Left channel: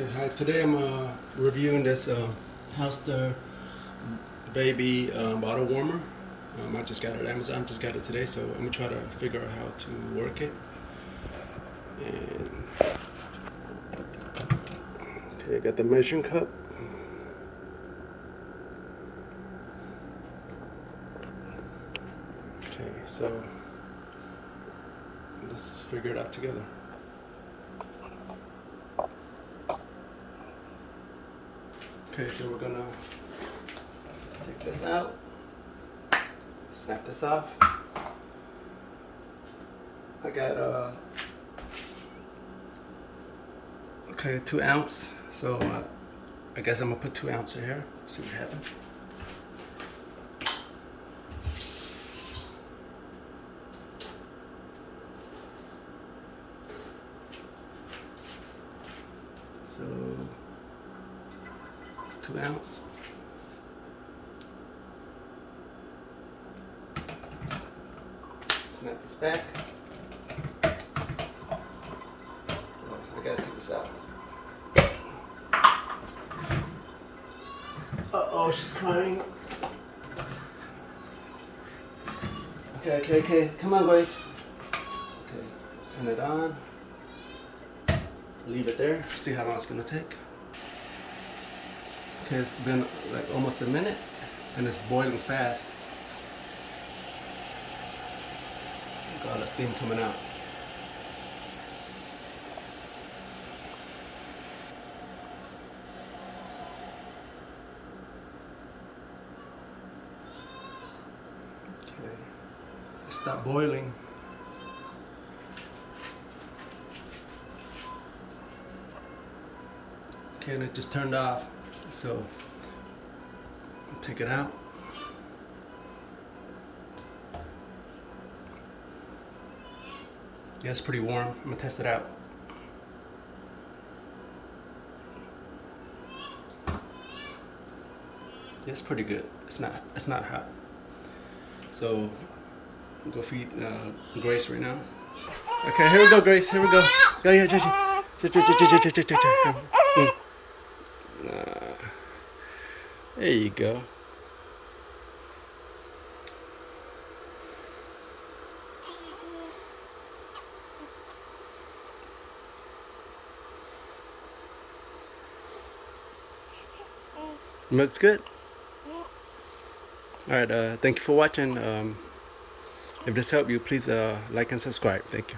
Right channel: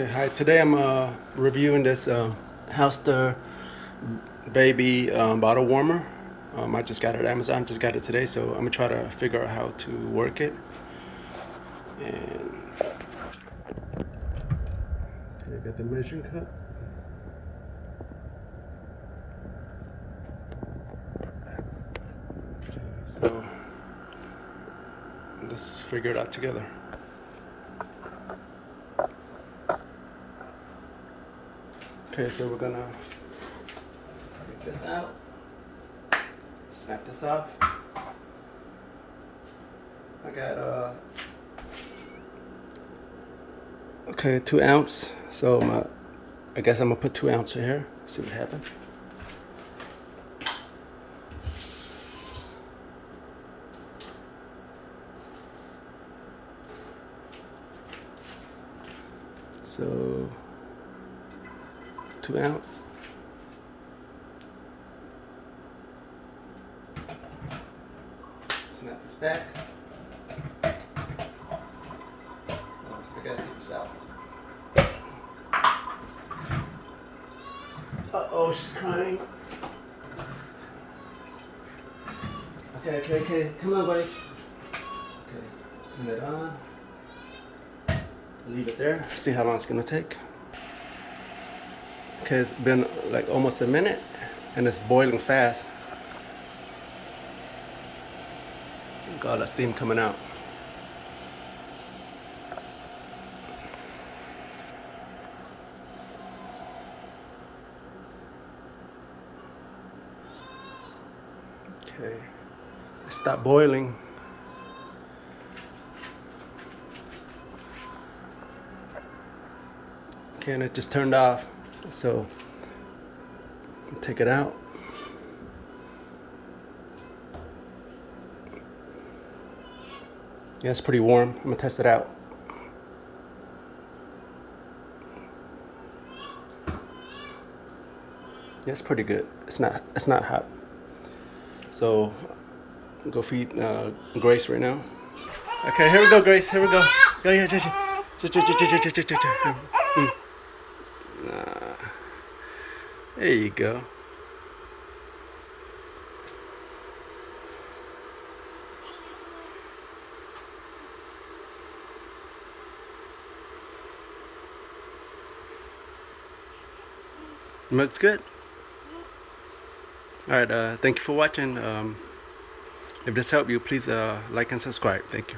Okay, hi. Today I'm reviewing this Halster baby bottle warmer. I just got it at Amazon, just got it today, so I'm gonna try to figure out how to work it. And okay, I got the measuring cup. Okay, so let's figure it out together. Okay, so we're gonna take this out, snap this off. I got okay, 2 ounce. So I guess I'm gonna put 2 ounce right here. See what happens. So 2 ounce. Snap this back. Oh, I gotta take this out. Uh-oh, she's crying. Okay. Come on, Grace. Okay, turn it on. Leave it there. See how long it's gonna take. Okay, it's been like almost a minute and it's boiling fast. Look at all that steam coming out. Okay, it stopped boiling. Okay, and it just turned off. So take it out. Yeah, it's pretty warm. I'm gonna test it out. Yeah, it's pretty good. It's not hot. So go feed Grace right now. Okay, here we go, Grace. Here we go. Go, yeah, there you go. Looks good. All right. Thank you for watching. If this helped you, please like and subscribe. Thank you.